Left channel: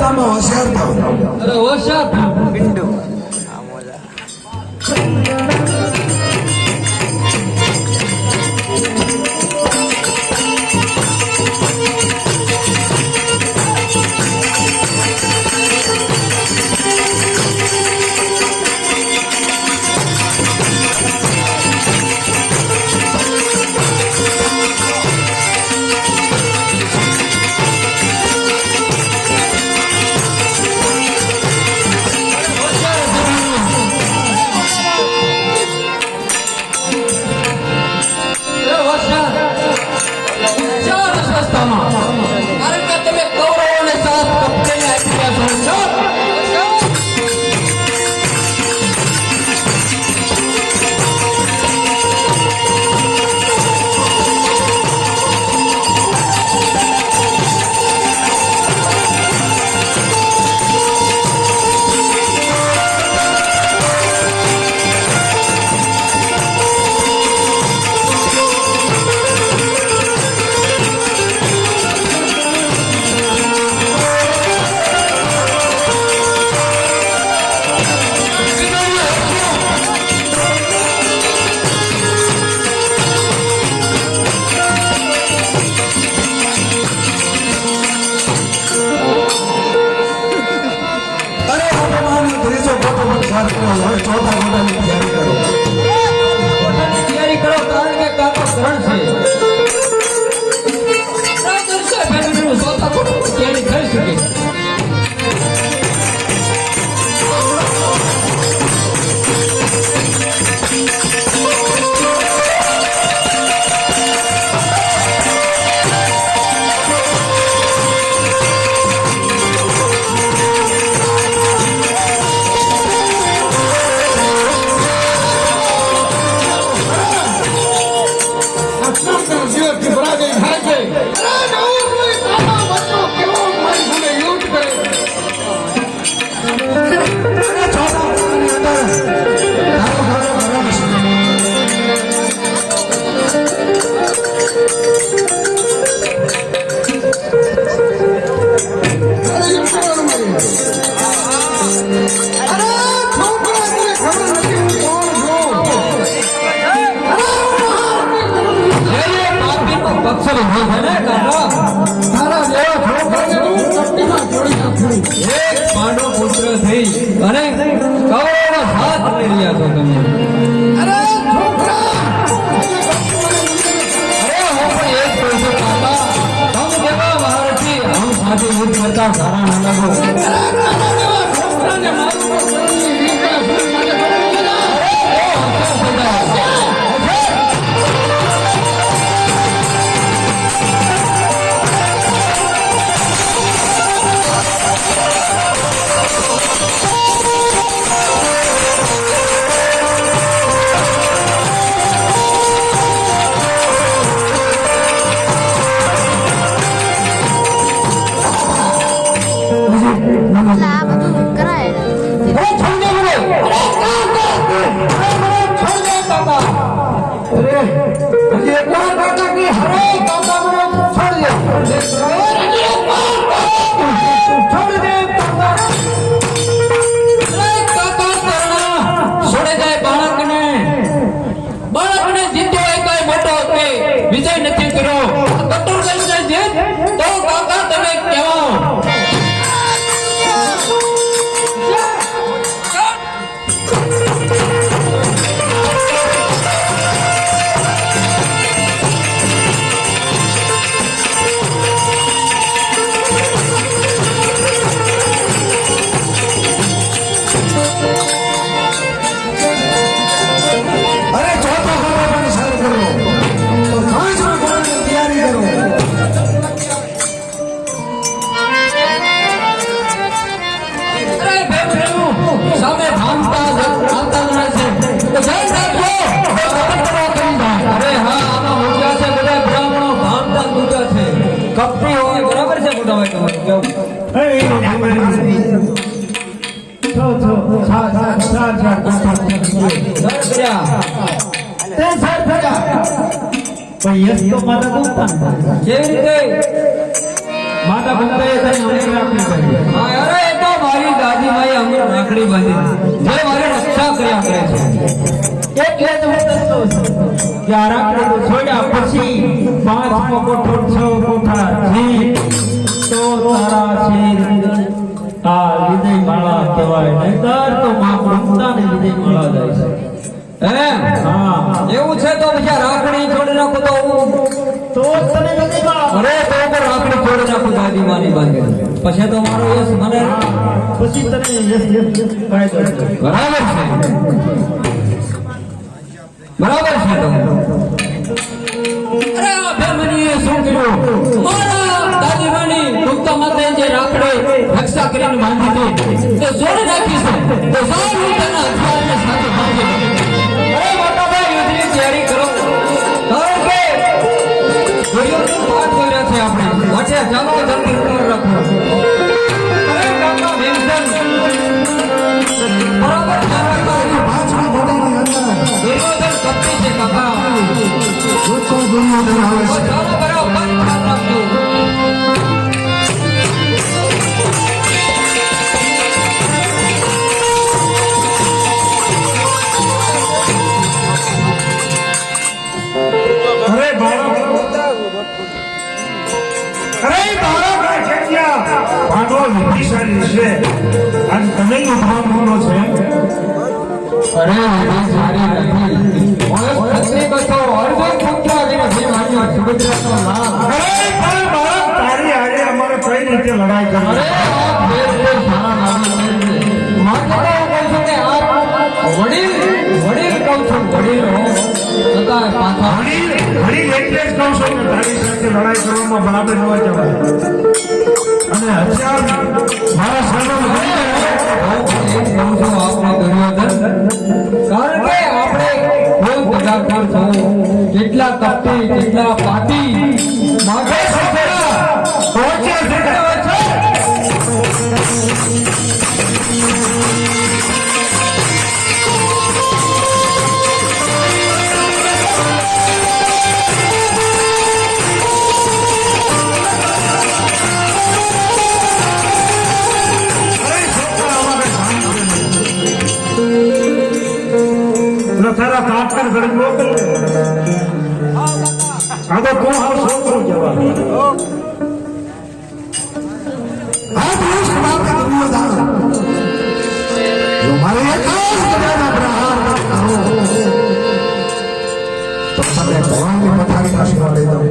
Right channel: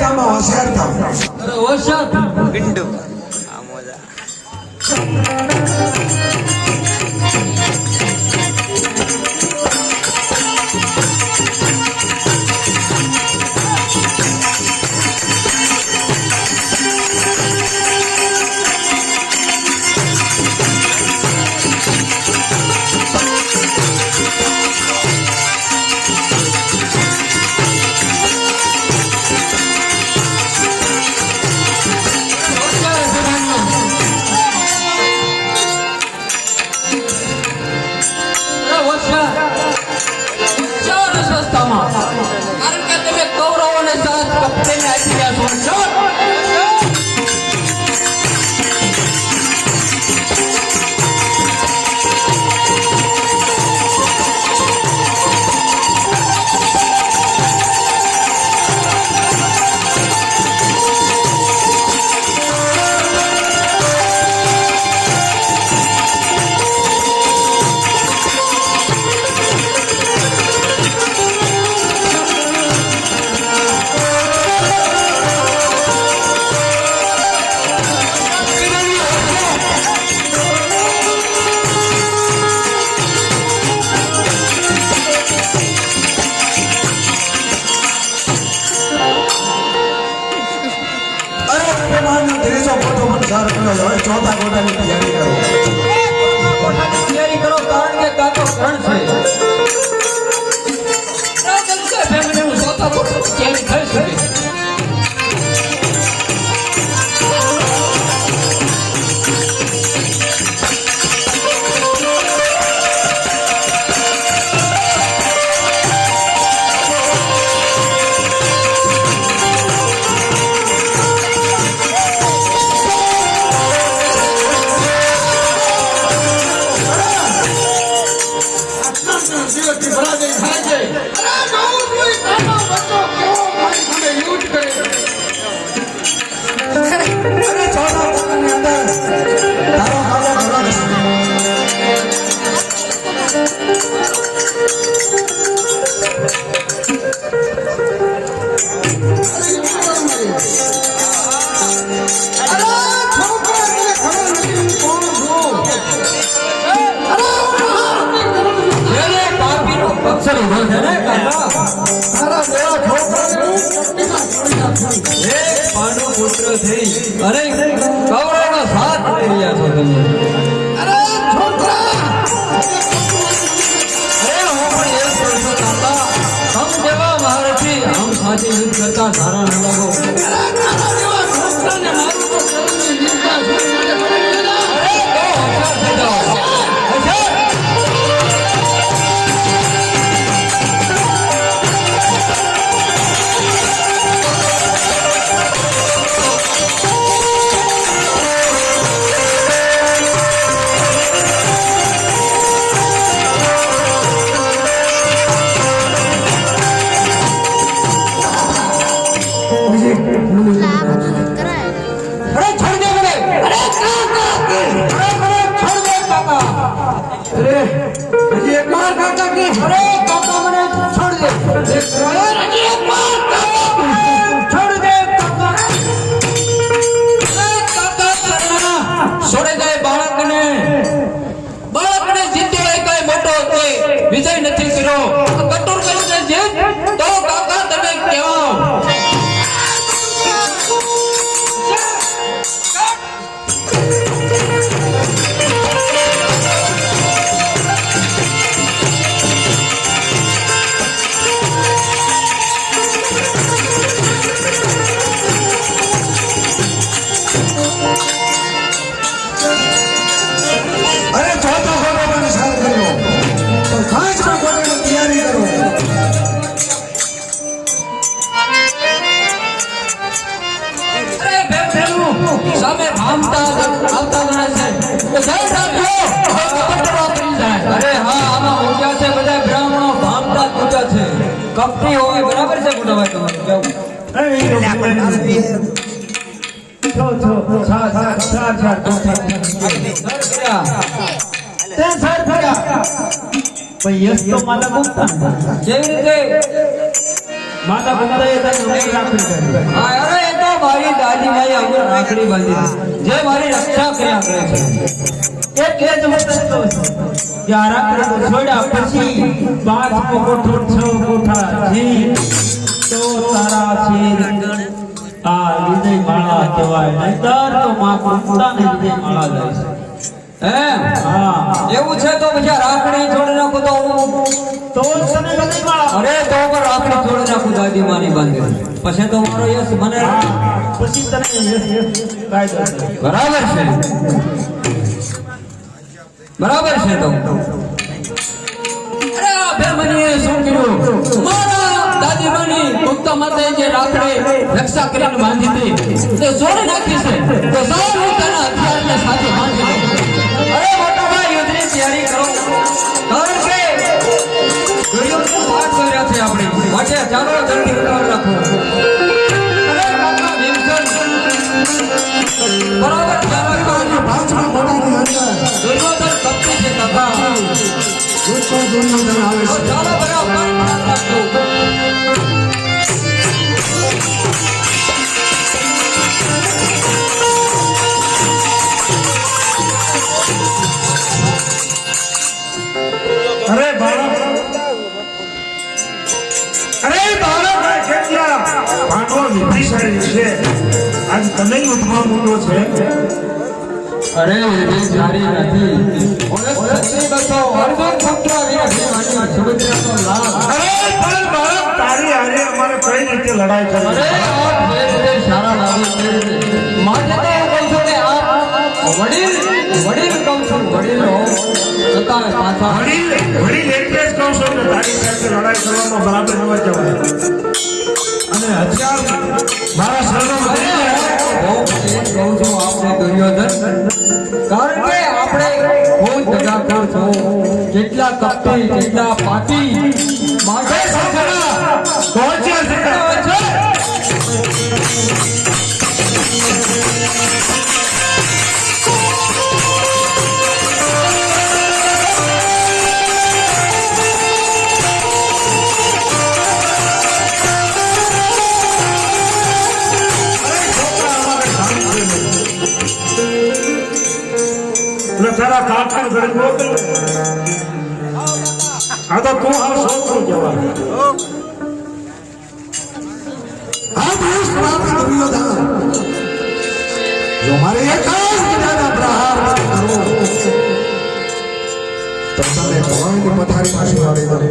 કામમાં હોશિયાર થાવ. અરે હોશિયાર પિંડુ તૈયારી કરો કારણ કે કાકો ગ્રહણ છે. તૈયારી થઈ શકે. यस तो मारा गुप्ता केवी रीते માતા પિતાએ કઈ અમે રાખડી કરી. હા, અરે એ તો મારી દાદીમાએ અમને રાખડી બાંધી જે મારી રક્ષા કર્યા કરે છે. એટલે જ હું તને કહું છું કે આ રાખડી છોડ્યા પછી 5મો કોઠો 6 કોઠા જી તો તારા શિર આ વિજય માળા કહેવાય. નહીંતર તો માં કૃષ્ણની વિજય માળા જાય છે. હા એવું છે તો પછી રાખડી છોડી નાખો તો તો તને વિજય માળા અરે તો પણ રાખડી છોડી નાખું દાદીમાની બાંધી પછી તો મારો યશ મને પછી તને કાયદો છે. બરાબર છે બરાબર છે તો અરે આ ભેમનીએ શું કર્યું મારા દાદીમાની મુક્તા માતાએ જે રાખડી રક્ષા કરીને બાંધી હતી તે છોડી નાખી છે તો સાવ હું તેના હથિયારને સાથે બાંધી દઉં. અરે મોટા ભાઈ યુદ્ધની તૈયારી કરો કારણ કે ઘડીઓનો પાઠ કર્યો છે આપણે માટે ચાલો જલ્દી ઉતાર રાખો. અરે કાકા ભીમસેન બરાબર ચાલો કરો પાછળ મોટાની અંદર દુર્યોધન કપટી છે કાકા જોતો દુનિયાદર આવે છે. ચાલો બરાબર પાઠ રાખજો. અરે બાળક કેટલા ભાગો વિધિશાળી છે આજ તમે ઉભા મૂકો છે. અરે વિધિ સારી નથી ઓય સત્ય બસો અર્જુન સંખ્યા વિના સુભદ્રાનો લાભ. અરે પણ બાળક તારી હારે અમારે કઈ રીતે લડાઈ અરે કરવી? આપ દેશ સારા લાવી છે માટે તો હું કહું છું કે આપ વડીલ કહું છું વડીલો છતાં પાછા ઘડી એટલે જ કહું છું કે તારી સાથે લડાઈ કરવામાં બરાબર ન હોય જવાય. અને હથિયાર મારા શરણમાં લઈને કહું છું આપણે દુર્યોધન કારણ કે આપણે કોઈ દગાખોર છો કેટલા કપટી કેટલા પાટી માટે પહોંચ્યા છે. તારા કાકા ઘરે મોકલ આ તો તું હાલ છોકરો જવા. આ દેશ વાત દુર્યોધન જો મારે એક જ ગદાના પ્રહાર કરો તો તને ભવાની પથારીમાં સુવાડી દઉં.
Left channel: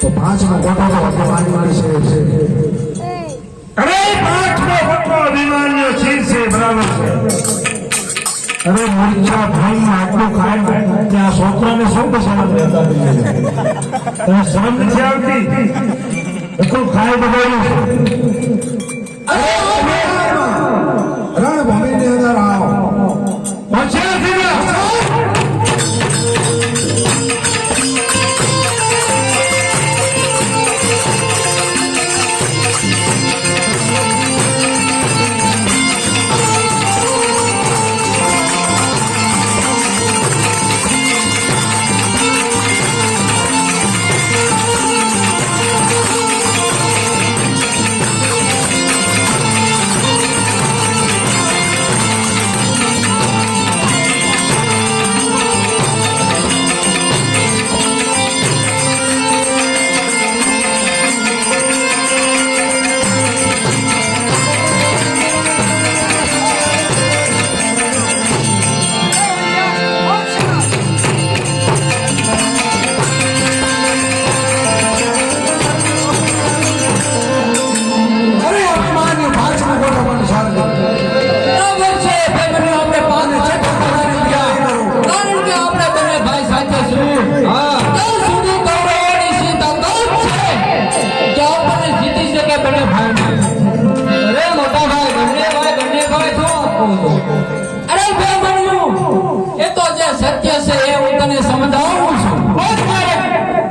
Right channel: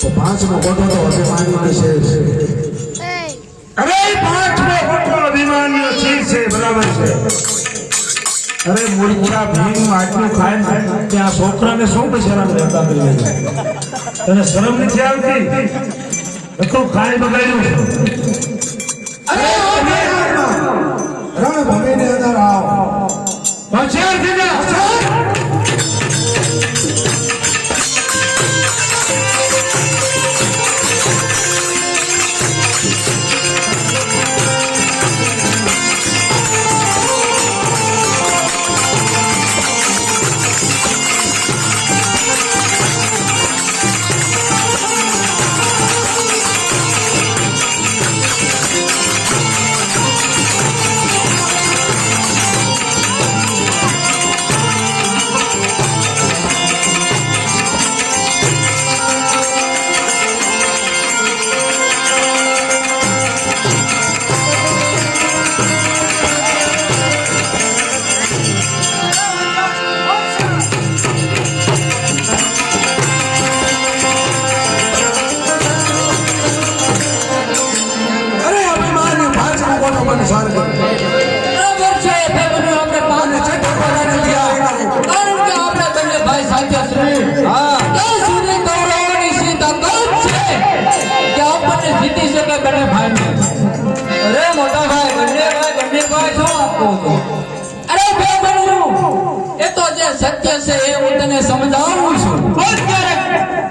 તો 5મો કોઠો તો અભિમાની વિશેષ. અરે 5મો કોઠો અભિમાનીઓ શીર છે બરાબર છે. અરે મૂર્છા ભાઈ આટલું ખાય ત્યાં છોકરાને શું બચારા રહેતા તને શરમ નથી આવતી? એટલું ખાય બગાડ્યું. અરે રણભૂમિની અંદર આવો. હોશિયાર છે ને?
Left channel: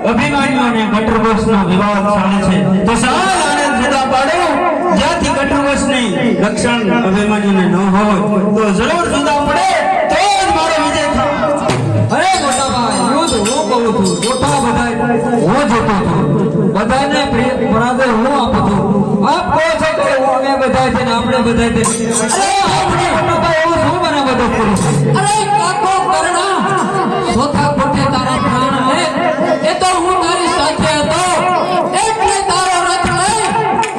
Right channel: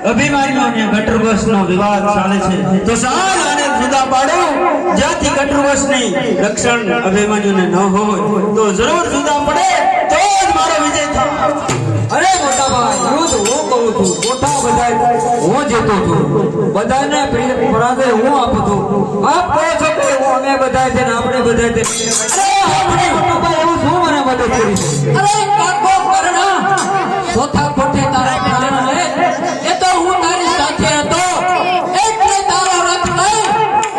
અભિમાન્યુને કટરવશનો વિવાદ ચાલે છે તો સાલ આને જુદા પાડો જ્યાંથી કટરવશની રક્ષણ અભિમાન્યુને ન હોય તો જરૂર જુદા પડે તો જ મારો વિજય થાય. અરે મોટા ભાઈ યુદ્ધ હું કરું છું જોતા બધા હું જીતું છું બધાને પરાજય હું આપું છું. આપ કહો છો કે અમે બધા છે ને આપણે બધા છે. એવું શું મને મદદ કરી છે? અરે કાકો કર્ણ, ચોથા કોઠે તારા પ્રાણ લે એ તો હું તારી સાથે હતો એટલે તારો રથ લઈ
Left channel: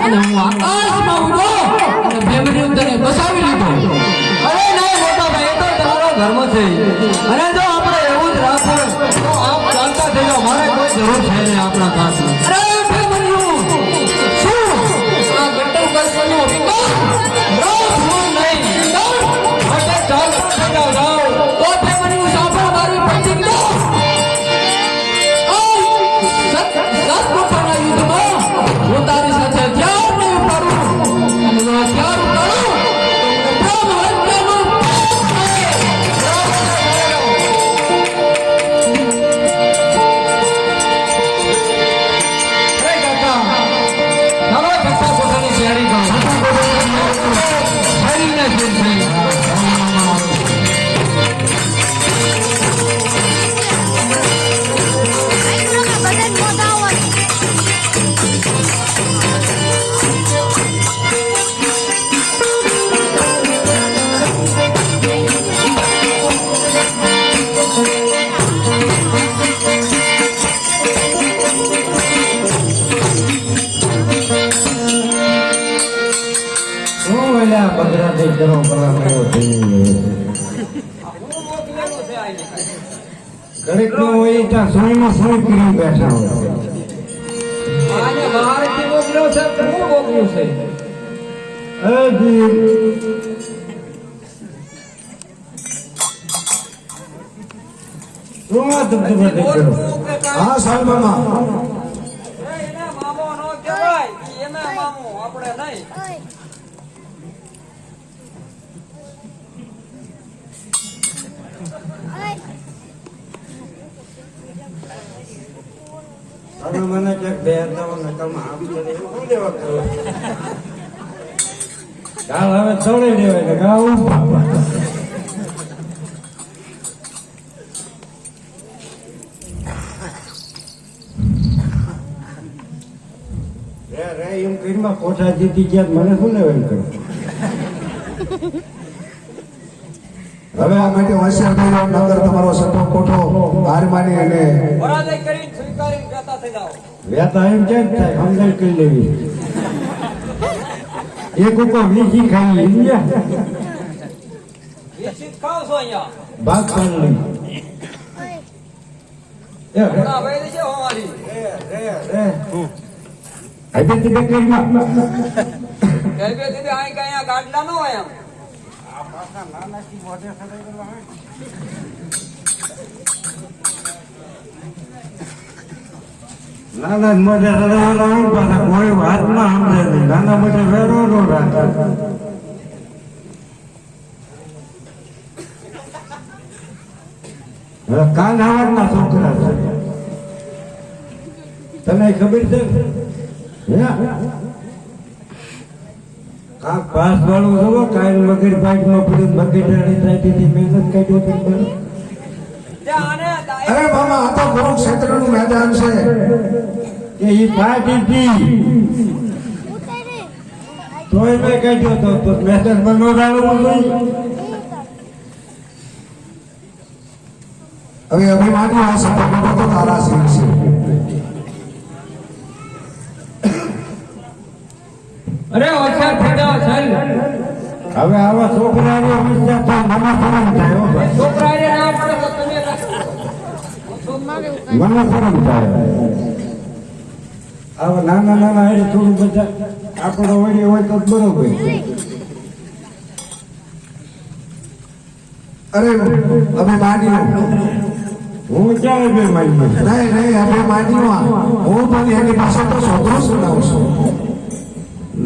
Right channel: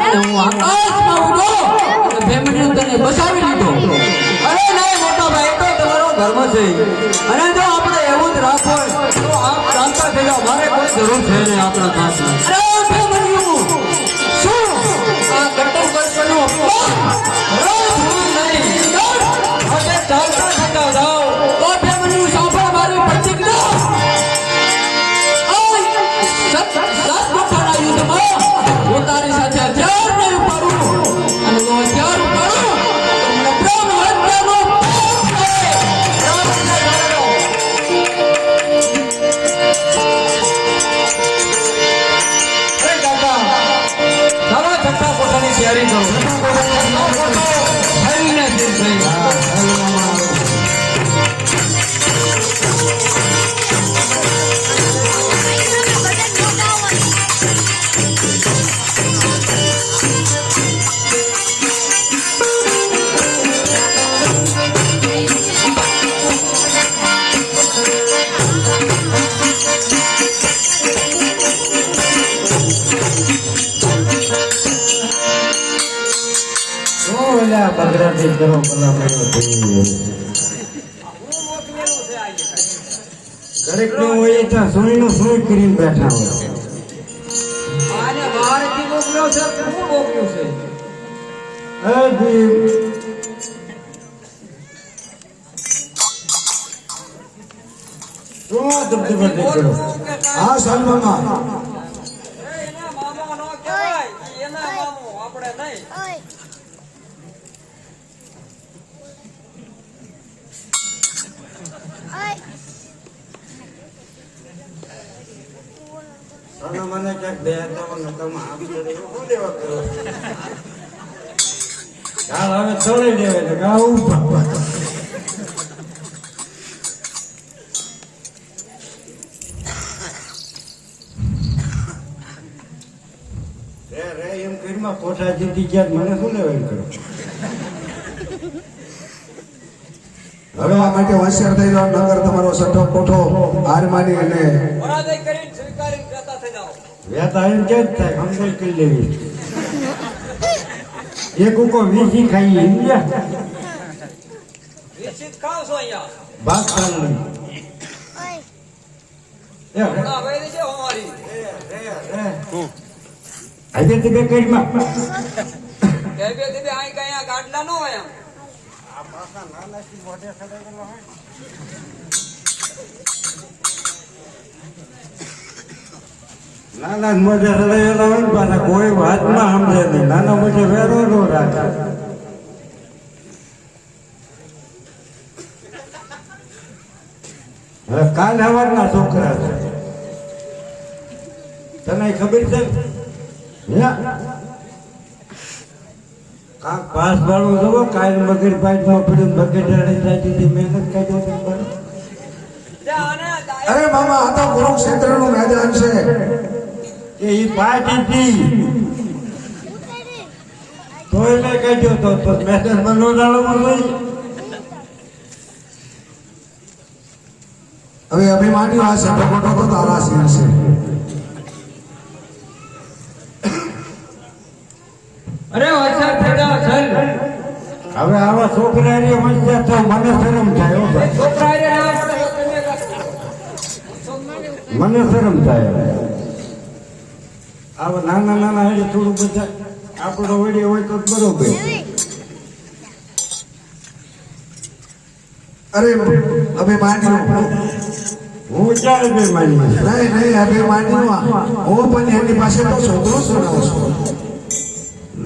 અને હું આકાશમાં ઉડો અને ભેમડીઓ તને બસાવી લીધો. અરે નહીં મોટા ભાઈ, તો તમારો ધર્મ છે અને જો આપણે એવું જ રાખો તો આપ ચાલતા થઈ જાઓ. મારે કોઈ જરૂર છે નહીં આપણા સાથમાં. અરે ભેમડીઓ શું આ ગટર બસનો અપમાન રોજ હું નહીં માટે ચાલતા થઈ જાઓ. તો ભેમડીઓ સાંભળ મારી પ્રતિજ્ઞા. સતગુફાના યુદ્ધમાં હું તારી સાથે હથિયાર નહીં ઉપાડું અને જો હથિયાર ઉપાડું તો બ્રહ્મ હત્યાનો તૈયારી કરો. હરીને બગડાટી કરો કલા મેળો થઈ દરેક નો હોય ત્યાં સોયમાં સોય કરી બેઠા હોય. આને બહારથી મોકલ્યો છે કે હું મોકલ્યું છે? હા સાહેબ મામા એના મામો નો કહેવાય, એના મામો આપણે નહીં. તમે મને ક્યાંક બે તમે આવી જાય શું દેવા કરો? ગાલ હવે ચડી દેવાય ને ગાવું રે એમ કરીમાં કોઠા જીતી ગયા મને શું લેવા કરો? હવે આ માટે હોશિયાર થઈ જાઓ, નગર તમારો સટ્ટો કોઠો હાર માની અને પરાજય કરીને સ્વીકારીને જતા થઈ જાઓ. વેતા એમ કેમ થાય સમજાય કરી લેવી. એક ઉકો વીસી ખાઈ ઇન્ડિયા નિશ્ચિત ખાવ છો અહીંયા. ભાગ પાડલી હમણાં વૈરી છે અમારી. આજે તે કરીમાં બે અહીંયા ગાડલા ન હોય એમ. નાના મોઢે રડાયેલો હોય પાછા કોઈ વાત ના સમજે નહીં. નાના મોઢે વેરો નો રાખે. હવે કાલ હવારના છોકરા છે તને ખબર છે? કાંક પાસ વાળું જુઓ કાલ મગર બાઇકમાં પડ્યું બકેટાની સાઈડથી મહેનત કાઢ્યો. અરે મામા આ તો કુરુક્ષેત્રનું મેદાન છે. એ પાર્ટી તોય મેં કાઢ્યો તો મેદાન બનો ડાળમાં નહીં. હવે અભિમાન્યુ આ સટ્ટો તો તારા સિંહ છે. અરે હોશિયાર થઈ જાઓ સાહેબ. હવે આવા છોકરાની હોશિયાર તો મને શરમ થાય હો ભાઈ. છોકરાએ ના પડે તો તમે મને શરમ થાય. આવા નાના નાના એ થોડું બધા આપણો વળી હોય તો બરોબર. અરે અભિમાન્યુ હું ક્યારે બે માની નહીં અભિમાન્યુ હું પણ એની પાસે તો છોકરો જ ગણાવું છું.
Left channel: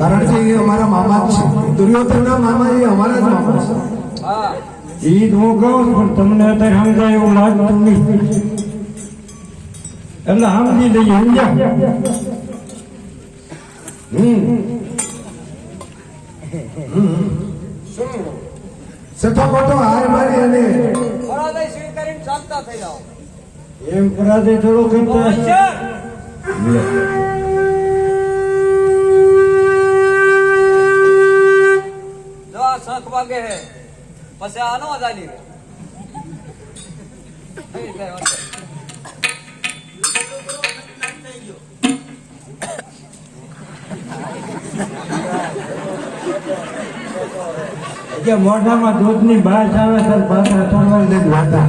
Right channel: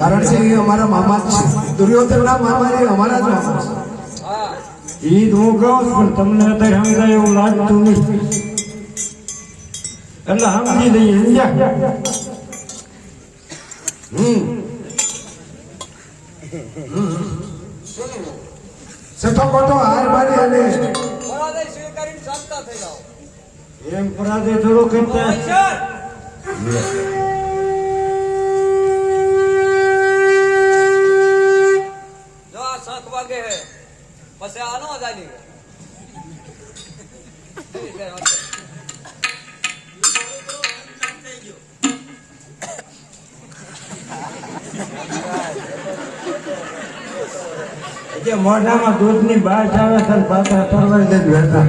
કારણ કે એ અમારા મામા જ છે. દુર્યોધનના મામા એ અમારા જ મામા છે. હા એ હું કહું પણ તમને અત્યારે સમજાય એવું લાગતું નહીં. એટલે સમજી લઈએ સમજ્યા. સઠો મોટો હાર મારી અને પરાજય સ્વીકારીને ચાલતા થઈ જાઓ. એમ પરાજય થોડો કરતા હોશિયાર. હે પછી આનો ચાલી રે કે મોઢામાં દૂધની બાસ આવે સર પાછા તરવાર દે હતા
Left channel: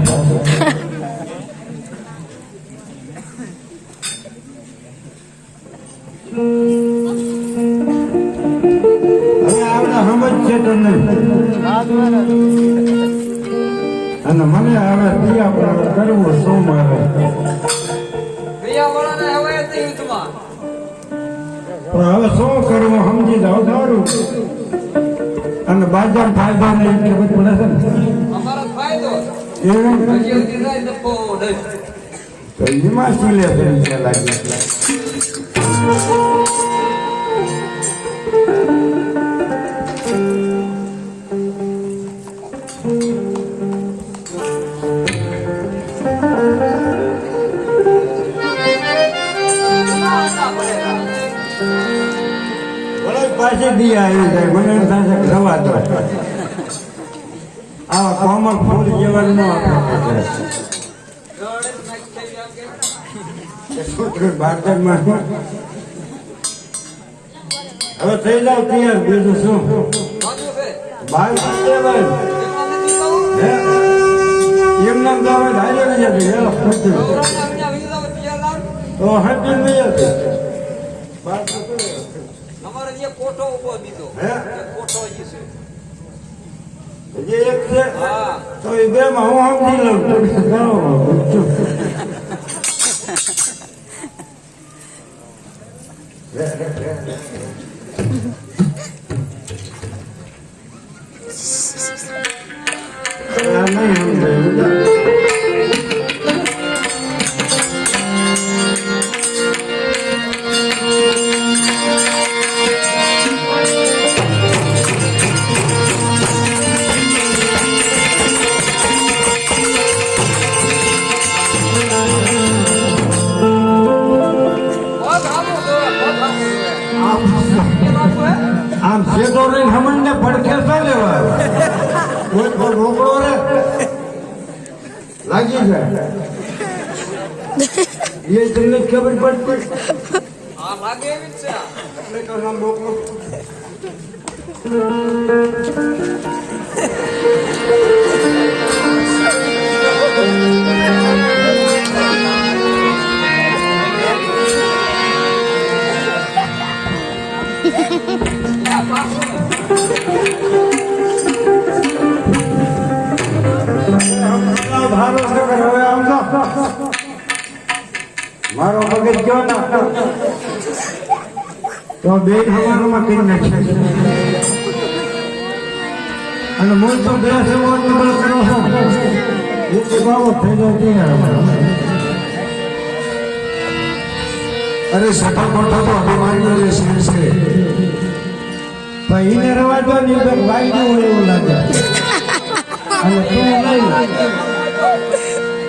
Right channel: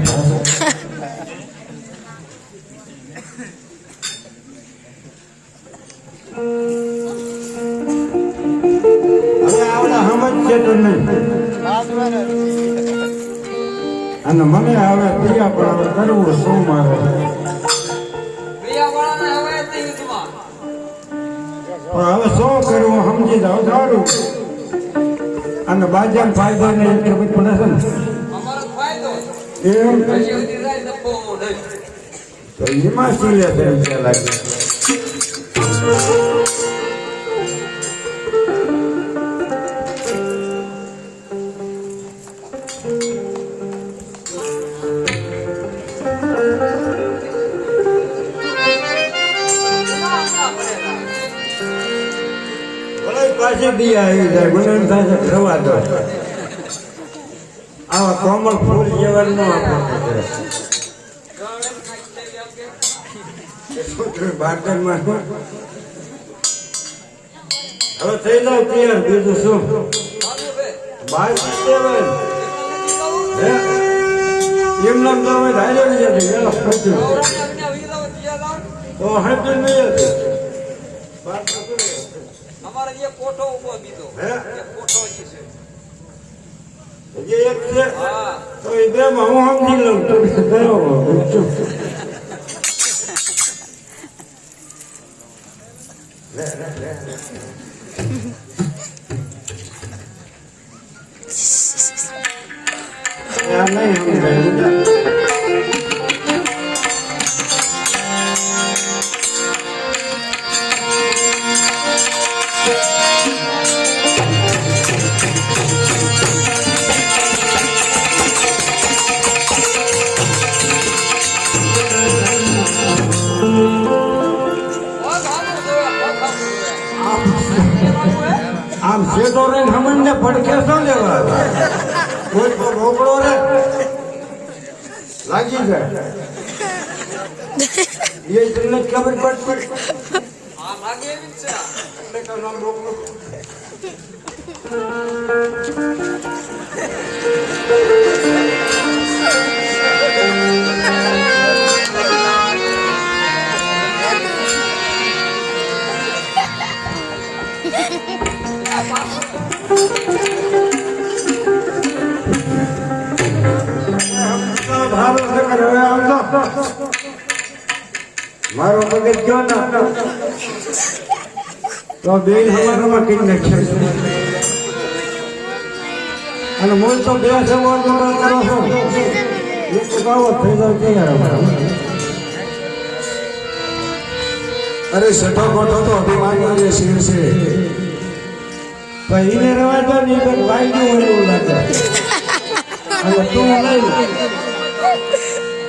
હવે આવડા સમજ છે તમને અને મને હવે દિયા પણ કરવું શું મારે પ્રિયાવાળાને હવે જ નહીં યુદ્ધમાં પણ હવે શું કરવું સમજી જાવ સારું અને બાજાર ફાયદો નહીં ખબર પડે છે ને અમારો ફાયદો એમ હજી સુધી થાય તો બહુ ડર. તો એમાં શું લે છે લાગે ના પડેલા. ભલે પાછી દી આવી જાય મને એમ થાય છે રવા દો આવા કોમળ ફૂલ જેવાનું આપણે ગળે નાખી દેવી આમ કે. છોકરી બાટરમાં હવે થઈ જાવ તૈયાર બીજું શું ભાગવું છે. બાર દેવાય એમાં નથી બહુ. હે એમ નામ ગાવે ધારે નહીં હતી ગૌરાને અમને વીરો ત્યાં લાવ. તો હંપી નહીં હતી અમારે જે કોઠો ઉભો દીધો હે? એ કોઠો ઈ છે. જે એક છે હા તો એ બે માં હું સમજી લઉં તમે જાઓ આ નહીં સમજાયું. પગ આમું જોવે, પગ આમું જોવે. એ બાજુ હે આમ સેટો રહીને હમણને પડખે શું લેવા કોઈ તો રોકડો રે લાગી જાય એ તમને ખબર પડતી આ લાગે એવી જ છે આ. એટલે તો નામ રોકડો ભારો છે કે હવે આમ તો મારો મગજ ગયો ના તો બે હવારમાં કરી નાખશે અને હું તો બે સવારમાં કરો છો એક બાબત થઈ જાય તૈયાર અરે સફા કોઠો તો અભિમાનનો જે શેર છે ભાઈ એને રવા દો ને તો વાઈ ગયું હોય એવું લાગે અને તું નહીં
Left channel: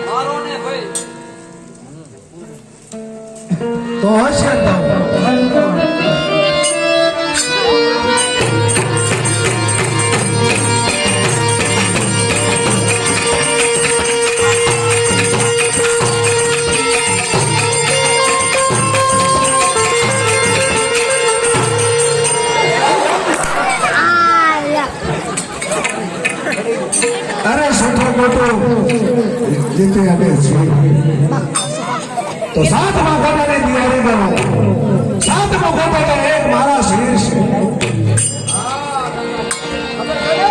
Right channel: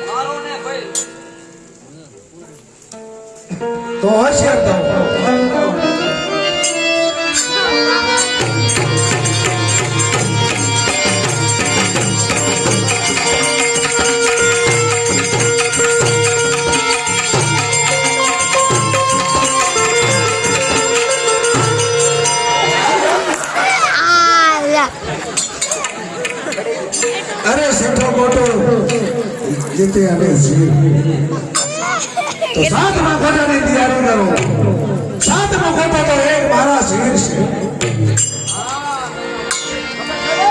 મારો ને ભાઈ તો હશે તો અરે સઠો મોટો જીતે અને તો સાતમા ગોટાની તૈયારી કરો સાતમો ગોટો તો એક મારા શરીર છે હા ખબર પડે.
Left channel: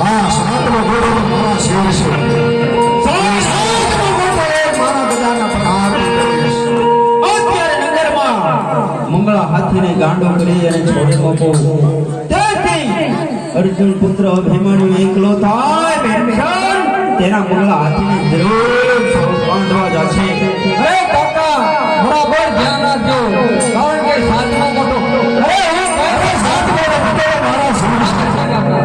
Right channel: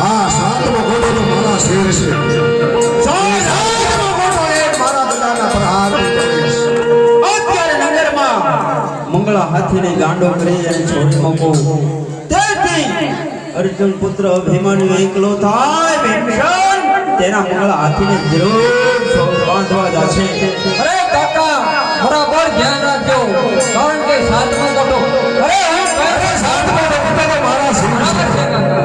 હા સાતમો ગોટો તો મારા શરીર છે સાતમો ગોટો એક મારા બધાના પર હાથ મૂકે છે. અત્યારે નગરમાં મંગળા હાથીને ગાંડો કરી અને છોડી મૂકો તેથી અર્જુન પુત્ર અભિમાની એકલો થાય ભીમસેન તેના મંગળા હાથીને જરૂર સૌ બાંધવા જશે અરે કાકા બરાબર ધ્યાન રાખજો કારણ કે સાતમો ગોટો અરે હું કાકા સાતમો ગોટો મારો સિંહાસન છે કાકા.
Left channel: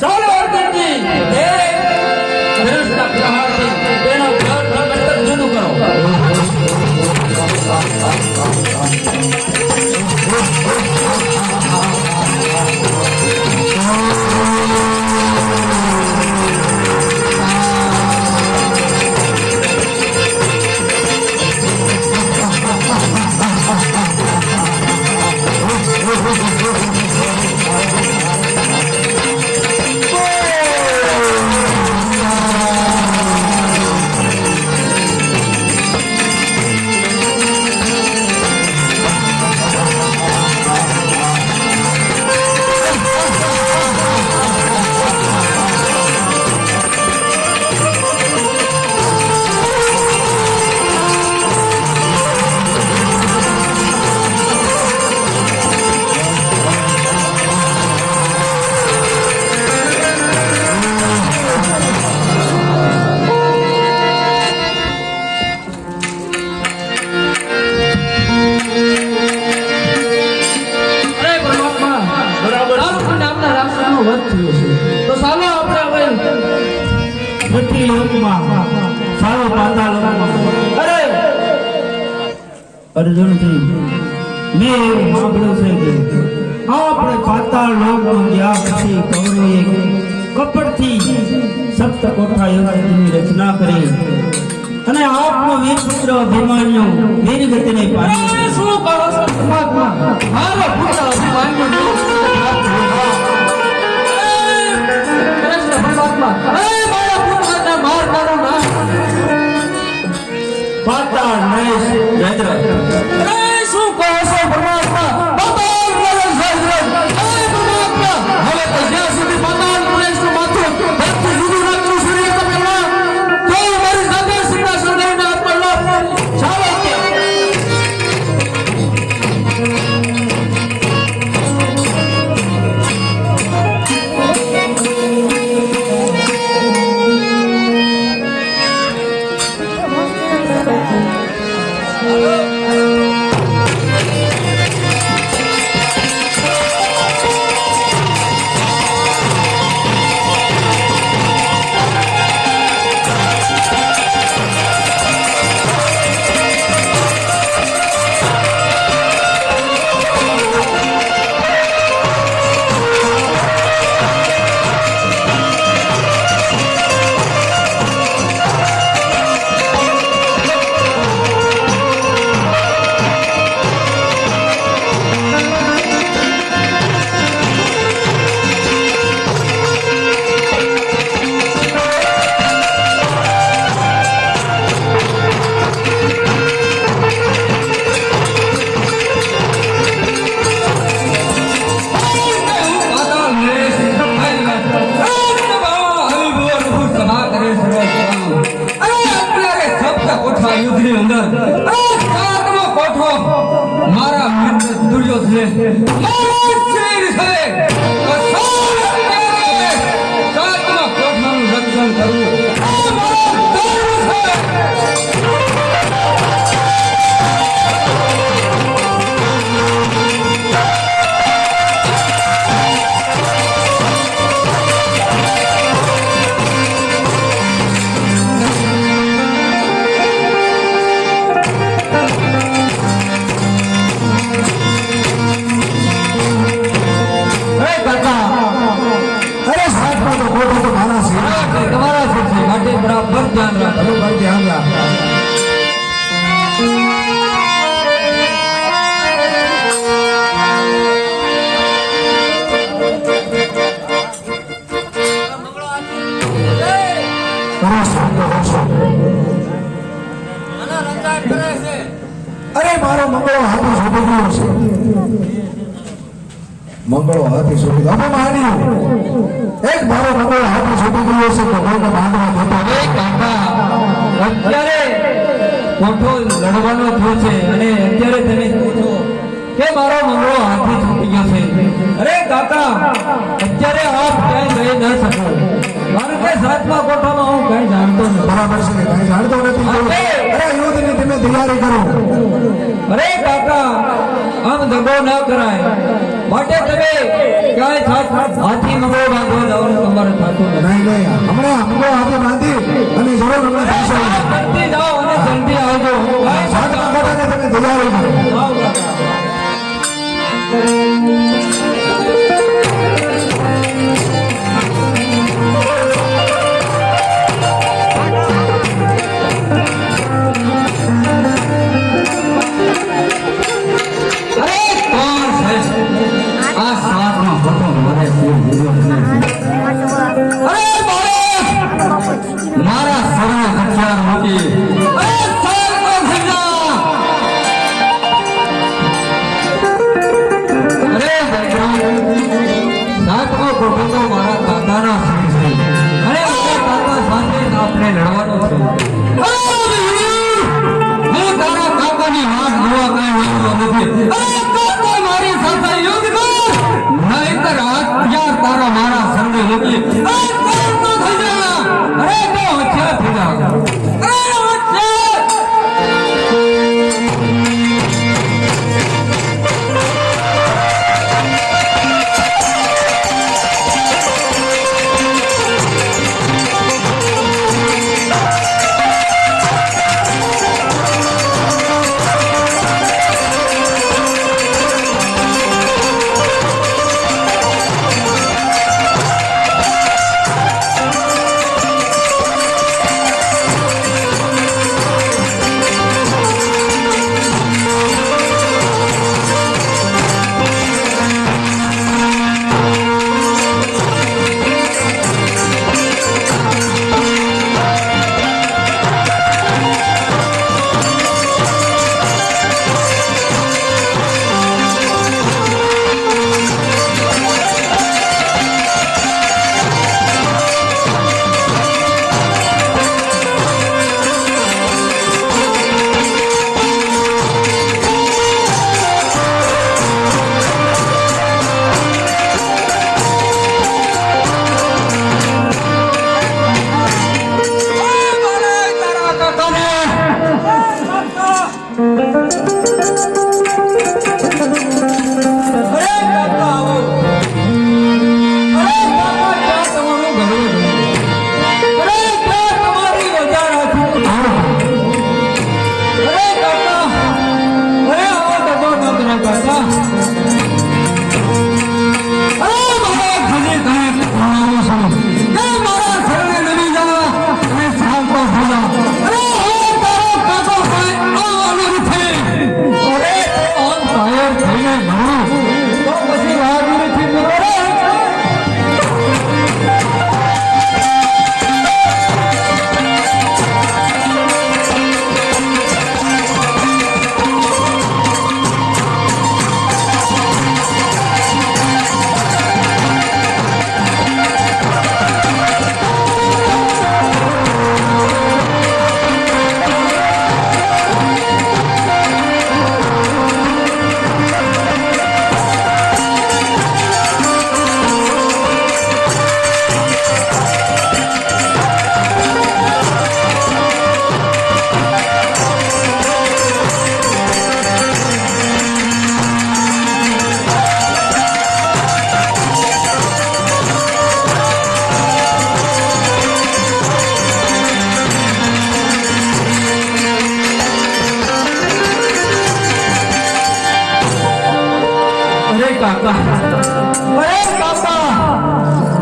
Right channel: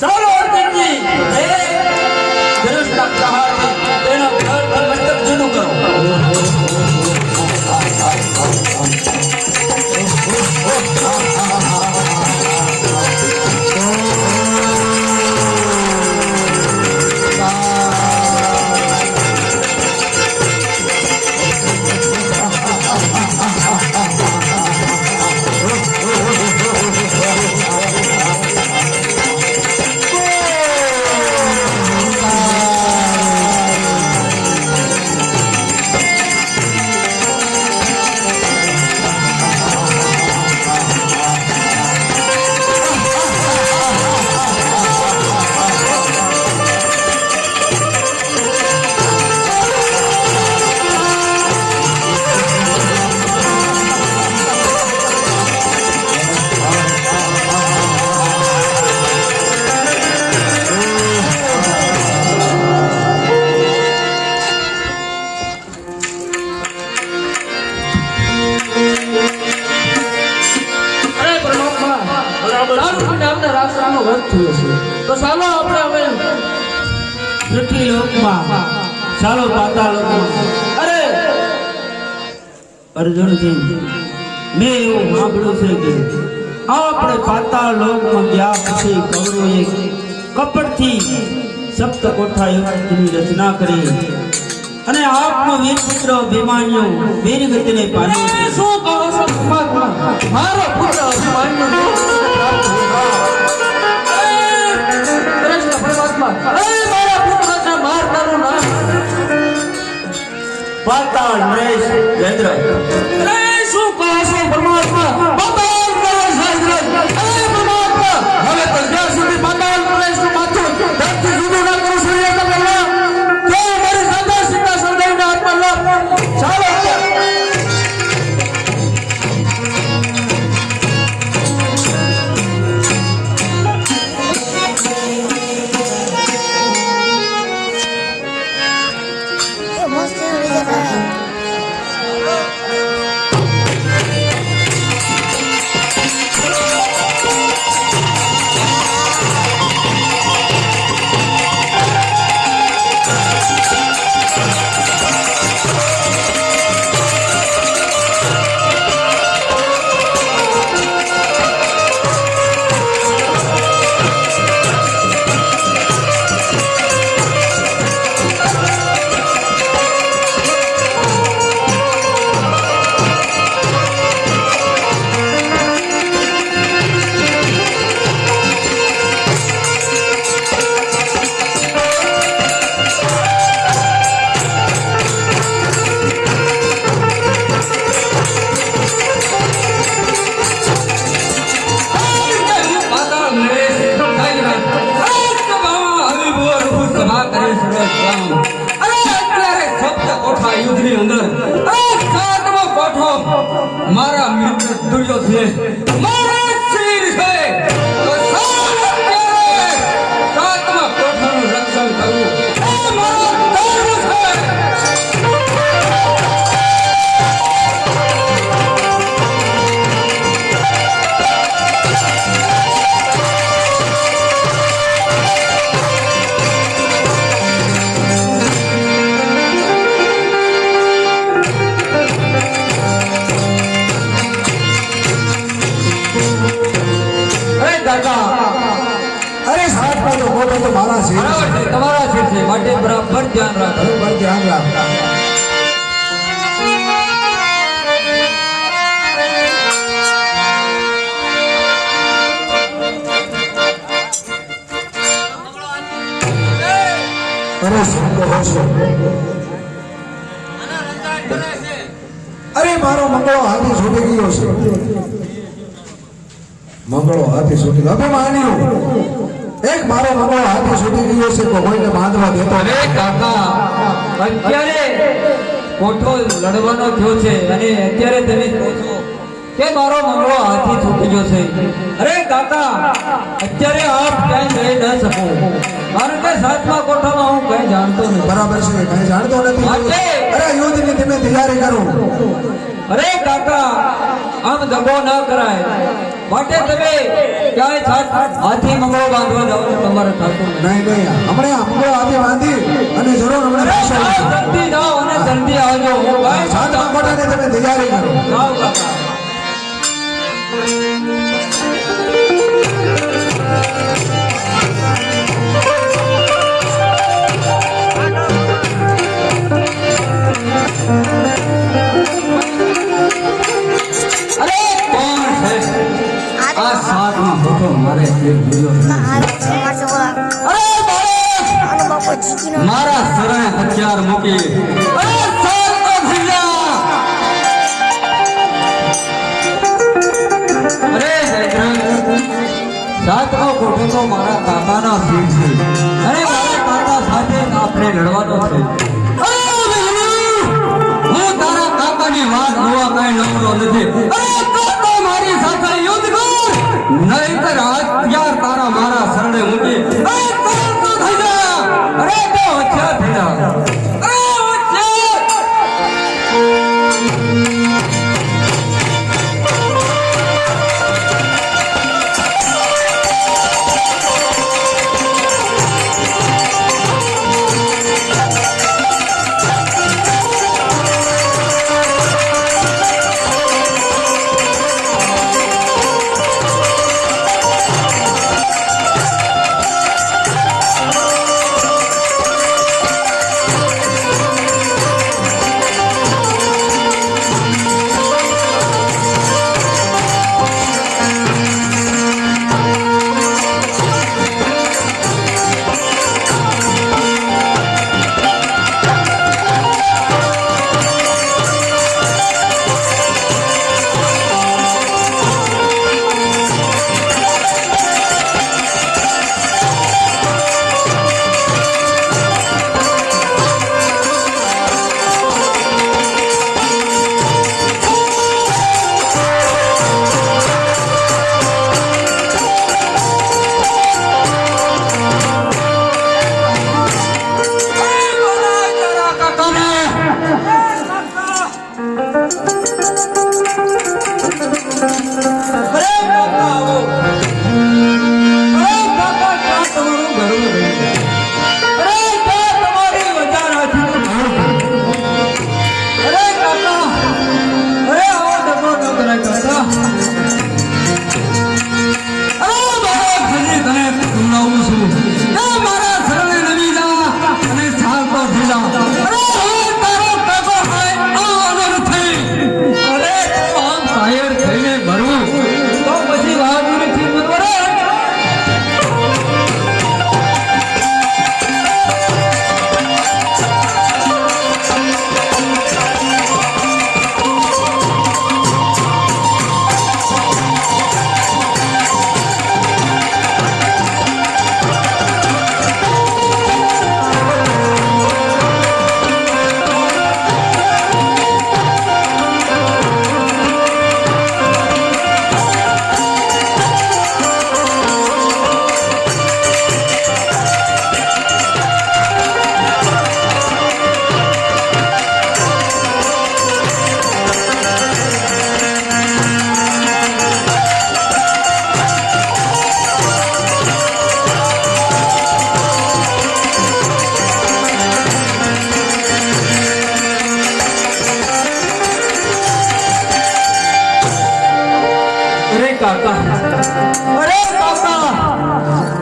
ચાલો અર્જુનજી એ ધનુષના પ્રહારથી તેનો મસ્તક જુદું કરો. તો ચાલો આપણે હવે પૃથ્વી લોકમાં સારો પાતાળ લોકમાં અરે અર્જુનજી મેં એવું સાંભળ્યું છે કે આપણે પાતાળ લોકમાં ગયા પછી કૌરવે કપટથી સપ્ત કોઠા યુદ્ધની રચના કરી અને આપનો વીર પુત્ર અભિમાન્યુ વીર ગતિને પામ્યો. શું કહો છો પરમાત્મા? મારો પુત્ર અભિમાન્યુ પ્રાપ્ત થયો. કૃષ્ણ પરમાત્મા મારા પુત્રને મારનારો નામ પાતાળ નરેશ જયદ્રથ. શું કહો છો પરમાત્મા? પાતાળ નરેશ જયદ્રથ. પરમાત્મા હવે તો જ્યાં સુધી પાતાળ નરેશનું માથું ધરતી જુદું ના કરું સૂર્ય પહેલા તો મારી સાથે સીધા સંધાઈને આપવાનો ચાલો. અરે મારો મંગળો હાથી છૂટી ગયો છે. મંગળો હાથી છૂટી ગયો. અભિમાન્યુ એક મારો મંગળો હાથી છૂટી ગયો છે તો કોઈને બાંધવા દેતો અરે કાકા અત્યારે કોઠો લડવાનો થયો છે અને અત્યારે તમે કહો છો કે મારો મંગળો હાથી છૂટી ગયો છે. અરે કાકા અત્યારે આપ કઈ કહી ન શકો કારણ કે સાતમા કોઠામાં હું કઈ જાણતો નથી. બરાબર છે, કઈ જાણતો નથી. અરે યુદ્ધની તમે તૈયારી કરો. અરે કાકા આમ દગો ન કરાય. માટે તમે ક્યાંય હાથી મંગળ બાંધવા જવાનું તમારે થતું નથી. નહીં નહીં હમણાં આંબો હાથે બાંધી અને જરૂર હમણાં પૈસા આવશે. જલ્દી જાઓ અને જલ્દી આવજો. સાત આંબોટાને તમે દયાળુ છો. જાઓ કાકા. અરે કોણ છે આ સાતનો ફોટો મારે કેમ મળ્યો નહીં? અરે બાળક, મારા સરળ હથિયાર મૂકી અરે સાતનો ભીજા. અરે સાતનો ફોટો તો મારા કાકાનો સિંહ છે. અરે મારા કાકા સાથે આપણે લડવાનો છે. હું તારા કાકાની વાત જોવા કઈ આવતો નથી. મારી સાથે યુદ્ધ કર, નહીંતર હથિયાર તારા મારા શરણે મૂકી અરે તો હથિયાર થઈ જા. અરે હથિયાર.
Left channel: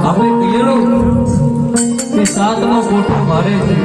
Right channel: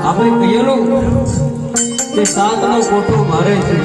આપણે કહેલું કે સાતનો કોઠો મારે છે.